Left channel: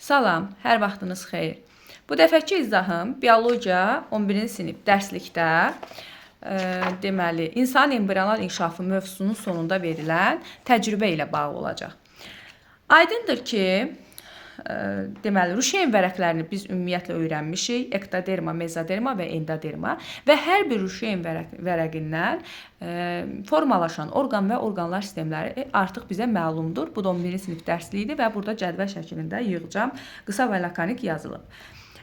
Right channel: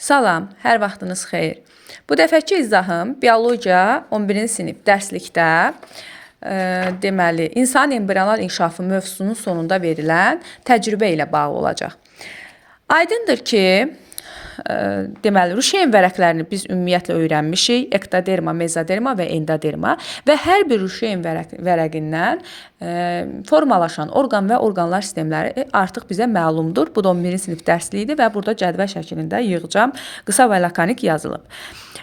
Salam, hər vaxtınız xeyir. Bu dəfəki izahım biologiya 11-ci sinif dərslikdə deməli, insan embrional inkişafı mövzusunun sonunda verilən təcrübə ilə bağlı olacaq. Aydındır ki, deməli, Ruşeyn vərəqlərini biz ümumiyyətlə öyrənmişik. Ektoderma, mezoderma və endoderma və hər bir Ruşeyn vərəqindən formalaşan orqan və orqanlar sistemləri artıq bizə məlumdur. Bu da 11-ci sinif dərsliyidir və burada cədvəl şəklində yığcam, qısa və lakanik yazılıb.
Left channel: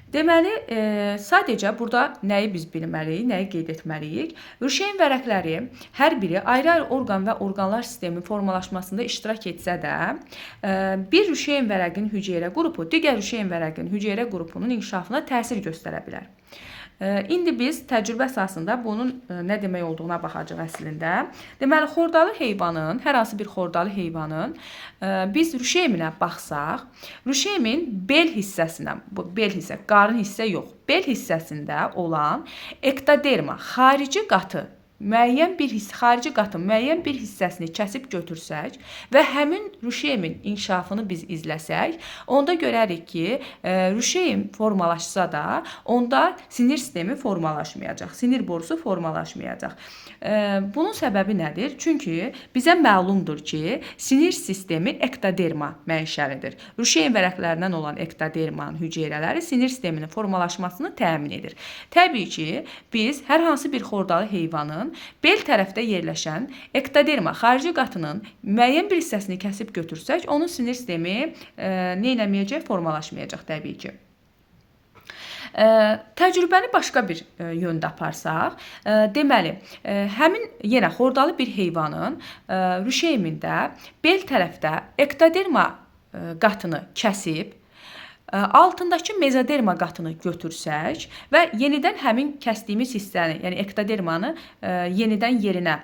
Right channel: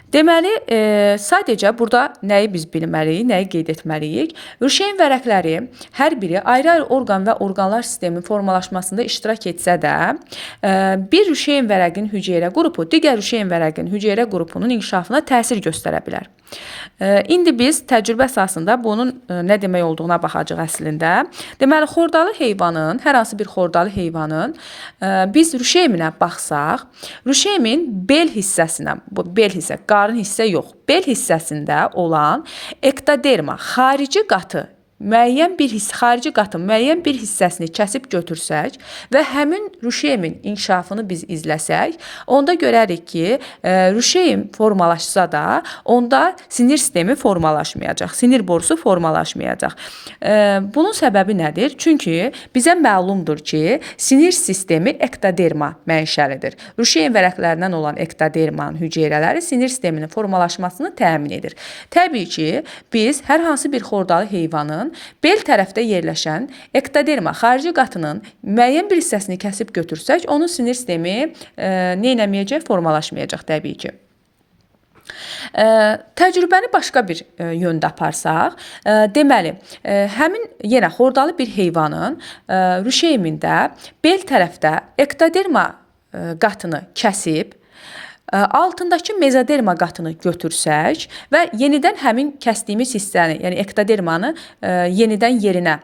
Deməli, sadəcə burada nəyi biz bilməliyik, nəyi qeyd etməliyik? Ruşeyn vərəqləri hər biri ayrı-ayrı orqan və orqanlar sistemi formalaşmasında iştirak etsə də, bir Ruşeyn vərəqin hüceyrə qrupu digər Ruşeyn vərəqin hüceyrə qrupunun inkişafına təsir göstərə bilər. İndi biz təcrübə əsasında bunun nə demək olduğuna baxacağıq əslində. Deməli, xordalı heyvanın, hər hansı bir xordalı heyvanın biz Ruşeyminə baxsaq, Ruşeymin bel hissəsinə, bu bel hissə, qarın hissə yox, bel hissəsində olan ektoderma, xarici qatı, xarici qatın müəyyən bir hissəsini kəsib götürsək və həmin Ruşeymin inkişafını biz izləsək, onda görərik ki, Ruşeym formalaşsa da, onda sinir sistemi formalaşmayacaq, sinir borusu formalaşmayacaq. Bunun səbəbi nədir? Çünki bizə məlumdur ki, sinir sistemi ektoderma mənşəlidir. Ruşeyn vərəqlərindən olan ektodermanın hüceyrələri sinir sisteminin formalaşmasını təmin edir. Təbii ki, biz hər hansı bir xordalı heyvanın bel tərəfdə yerləşən ektoderma, xarici qatının müəyyən bir hissəsini kəsib götürsək, onun sinir sistemi neynəməyəcək, formalaşmayacaq təbii ki. Təcrübəni başqa bir yöndə aparsaq, deməli, həmin yenə xordalı bir heyvanın Ruşeymində bel tərəfdə ektoderma qatını kəsib, altındakı mezoderma qatını götürsək və yenidən həmin kəsdiyimiz hissəni, yəni ektodermanı yenidən yerinə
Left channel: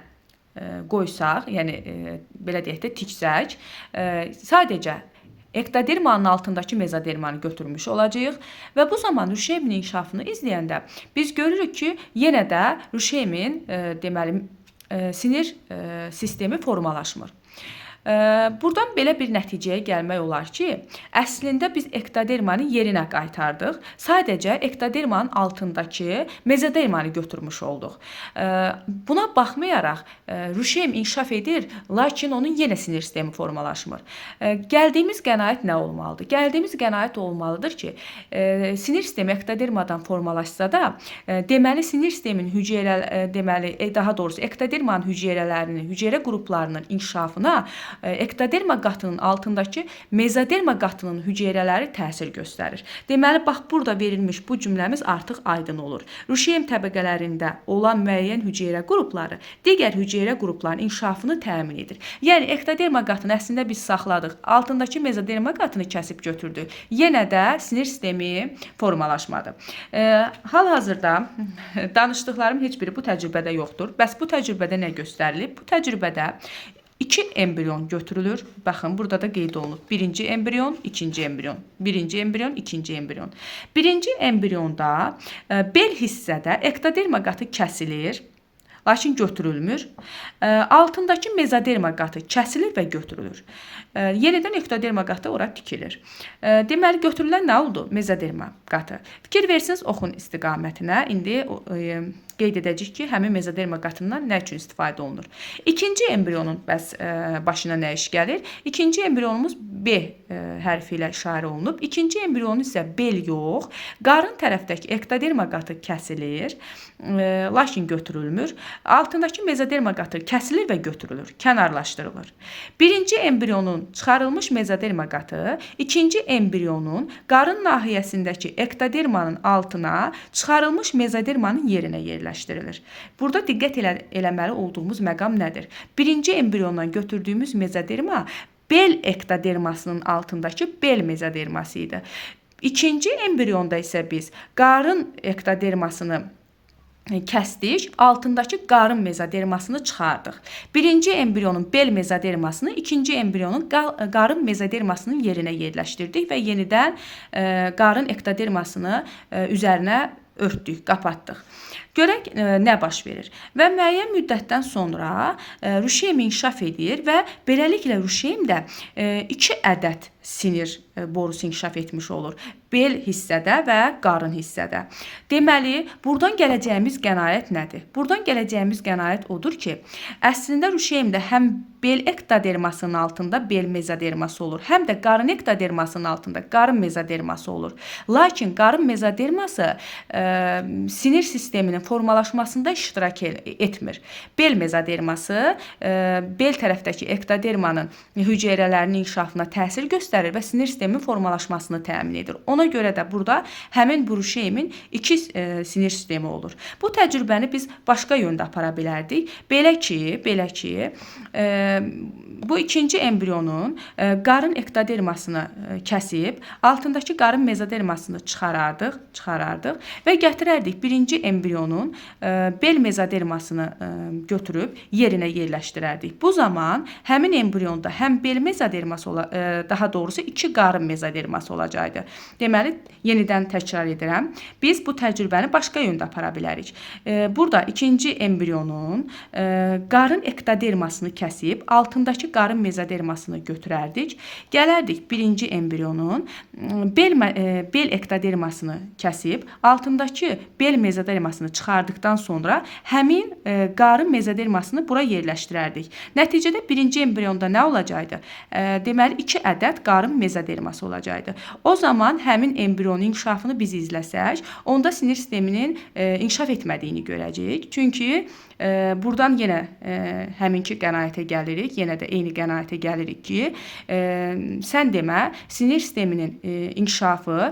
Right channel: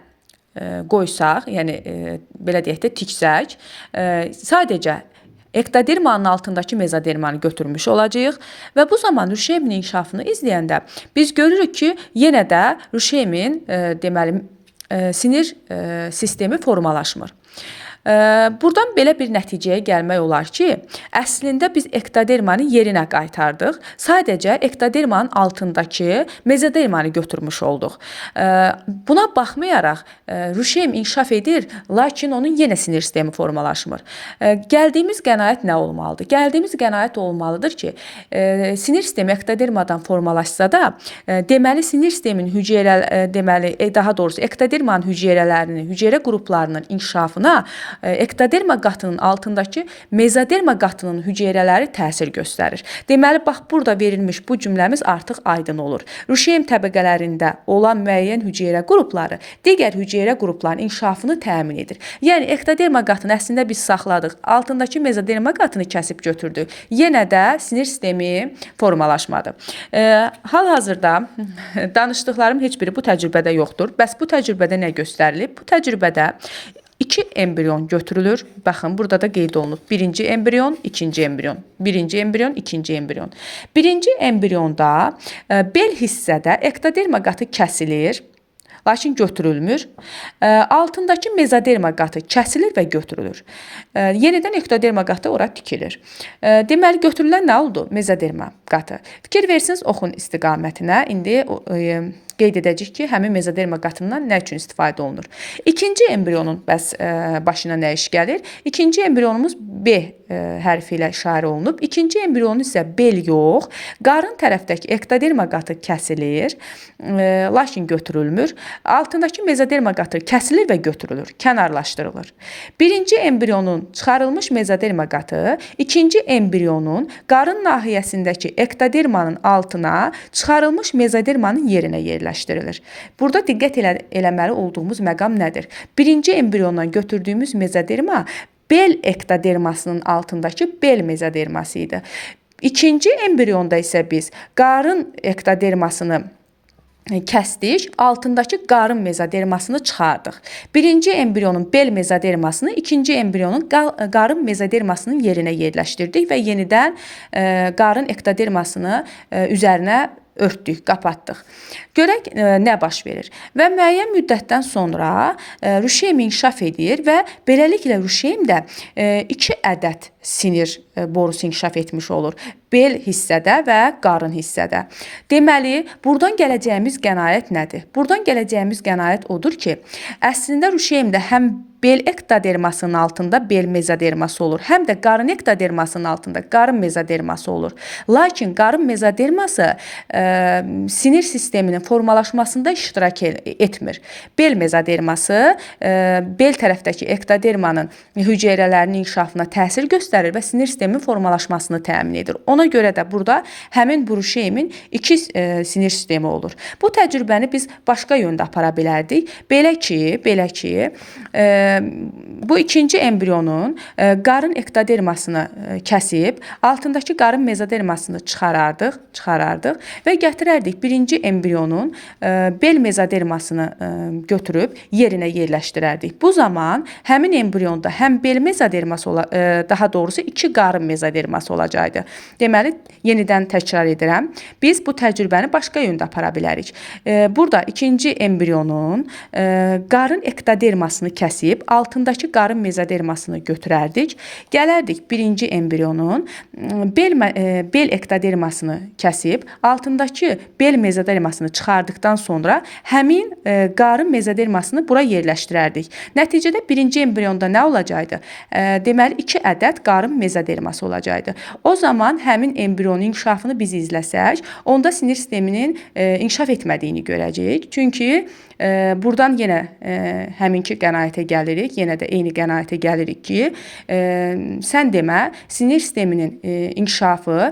qoysaq, yəni belə deyək də tiksək, sadəcə ektodermanın altındakı mezodermanı götürmüş olacağıq və bu zaman Ruşeymin inkişafını izləyəndə biz görürük ki, yenə də Ruşeymin deməli sinir sistemi formalaşmır. Buradan belə bir nəticəyə gəlmək olar ki, əslində biz ektodermanı yerinə qaytardıq. Sadəcə ektodermanın altındakı mezodermanı götürmüş olduq. Buna baxmayaraq Ruşeym inkişaf edir, lakin onun yenə sinir sistemi formalaşmır. Gəldiyimiz qənaət nə olmalıdır? Gəldiyimiz qənaət olmalıdır ki, sinir sistemi ektodermadan formalaşsa da, deməli sinir sistemin daha doğrusu ektodermanın hüceyrələrinin, hüceyrə qruplarının inkişafına ektoderma qatının altındakı mezoderma qatının hüceyrələri təsir göstərir. Deməli, bax, burada verilmiş bu cümləmiz artıq aydın olur. Ruşeym təbəqələrində olan müəyyən hüceyrə qrupları digər hüceyrə qruplarının inkişafını təmin edir. Yəni, ektoderma qatını əslində biz saxladıq, altındakı mezoderma qatını kəsib götürdük. Yenə də sinir sistemi formalaşmadı. Hal-hazırda danışdıqlarım heç biri bu təcrübədə yoxdur. Bəs bu təcrübədə nə göstərilib? Bu təcrübədə 2 embrion götürülür. Baxın, burada da qeyd olunub. Birinci embrion, ikinci embrion. Birinci embrion, ikinci embrion. Birinci embrionda bel hissədə ektoderma qatı kəsilir, lakin götürülmür. Altındakı mezoderma qatı kəsilir və götürülür. Yenidən ektoderma qatı ora tikilir. Deməli, götürülən nə oldu? Mezoderma qatı. Fikir versiniz oxun istiqamətinə. İndi qeyd edəcək ki, həmin mezoderma qatından nə üçün istifadə olunur? İkinci embrionun başına nə iş gəlir? İkinci embrionumuz B hərfi ilə işarə olunub. İkinci embrionun isə bel yox, qarın tərəfdəki ektoderma qatı kəsilir, lakin götürülmür. Altındakı mezoderma qatı kəsilir və götürülür, kənarlaşdırılır. Birinci embrionun çıxarılmış mezoderma qatı, ikinci embrionun qarın nahiyəsindəki ektodermanın altına çıxarılmış mezodermanın yerinə yerləşdirilir. Burada diqqət eləməli olduğumuz məqam nədir? Birinci embriondan götürdüyümüz mezoderma bel ektodermasının altındakı bel mezoderması idi. İkinci embrionda isə biz qarın ektodermasını kəsdik, altındakı qarın mezodermasını çıxardıq. Birinci embrionun bel mezodermasını ikinci embrionun qarın mezodermasının yerinə yerləşdirdik və yenidən qarın ektodermasını üzərinə örtdük, qapatdıq. Görək nə baş verir. Və müəyyən müddətdən sonra ruşeym inkişaf edir və beləliklə ruşeymdə 2 ədəd sinir borusu inkişaf etmiş olur. Bel hissədə və qarın hissədə. Deməli, buradan gələcəyimiz qənaət nədir? Buradan gələcəyimiz qənaət odur ki, əslində ruşeymdə həm bel ektodermasının altında bel mezoderması olur, həm də qarın ektodermasının altında qarın mezoderması olur. Lakin qarın mezoderması sinir sisteminin formalaşmasında iştirak etmir. Bel mezoderması bel tərəfdəki ektodermanın hüceyrələrinin inkişafına təsir göstərir və sinir sisteminin formalaşmasını təmin edir. Ona görə də burada həmin bu ruşeymin 2 sinir sistemi olur. Bu təcrübəni biz başqa yöndə apara bilərdik. Belə ki, bu ikinci embrionun qarın ektodermasını kəsib, altındakı qarın mezodermasını çıxarardıq və gətirərdik birinci embrionun bel mezodermasını götürüb yerinə yerləşdirərdik. Bu zaman həmin embrionda həm bel mezoderması, daha doğrusu 2 qarın mezoderması olacaqdı. Deməli, yenidən təkrar edirəm. Biz bu təcrübəni başqa yöndə apara bilərik. Burada ikinci embrionun qarın ektodermasını kəsib, altındakı qarın mezodermasını götürərdik. Gələrdik birinci embrionun bel ektodermasını kəsib, altındakı bel mezodermasını çıxardıqdan sonra həmin qarın mezodermasını bura yerləşdirərdik. Nəticədə birinci embrionda nə olacaqdı? Deməli, 2 ədəd qarın mezoderması olacaqdı. O zaman həmin embrionun inkişafını biz izləsək, onda sinir sisteminin inkişaf etmədiyini görəcəyik. Çünki buradan yenə həminki qənaətə gəlirik, yenə də eyni qənaətə gəlirik ki, sən demə, sinir sisteminin inkişafı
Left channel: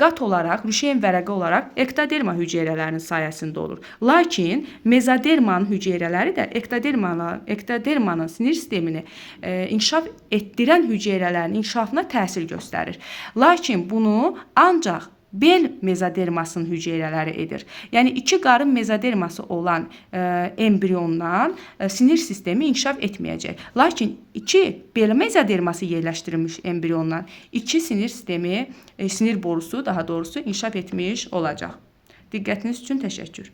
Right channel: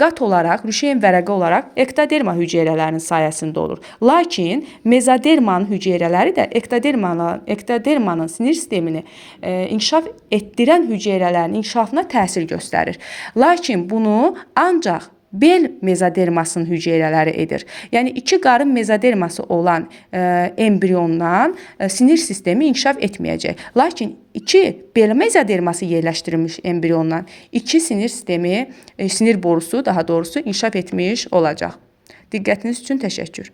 qat olaraq, ruşeym vərəqi olaraq ektoderma hüceyrələrinin sayəsində olur. Lakin mezodermanın hüceyrələri də ektodermanın sinir sistemini inkişaf etdirən hüceyrələrin inkişafına təsir göstərir. Lakin bunu ancaq bel mezodermasının hüceyrələri edir. Yəni 2 qarın mezoderması olan embriondan sinir sistemi inkişaf etməyəcək. Lakin 2 bel mezoderması yerləşdirilmiş embriondan 2 sinir sistemi, sinir borusu daha doğrusu inkişaf etmiş olacaq. Diqqətiniz üçün təşəkkür.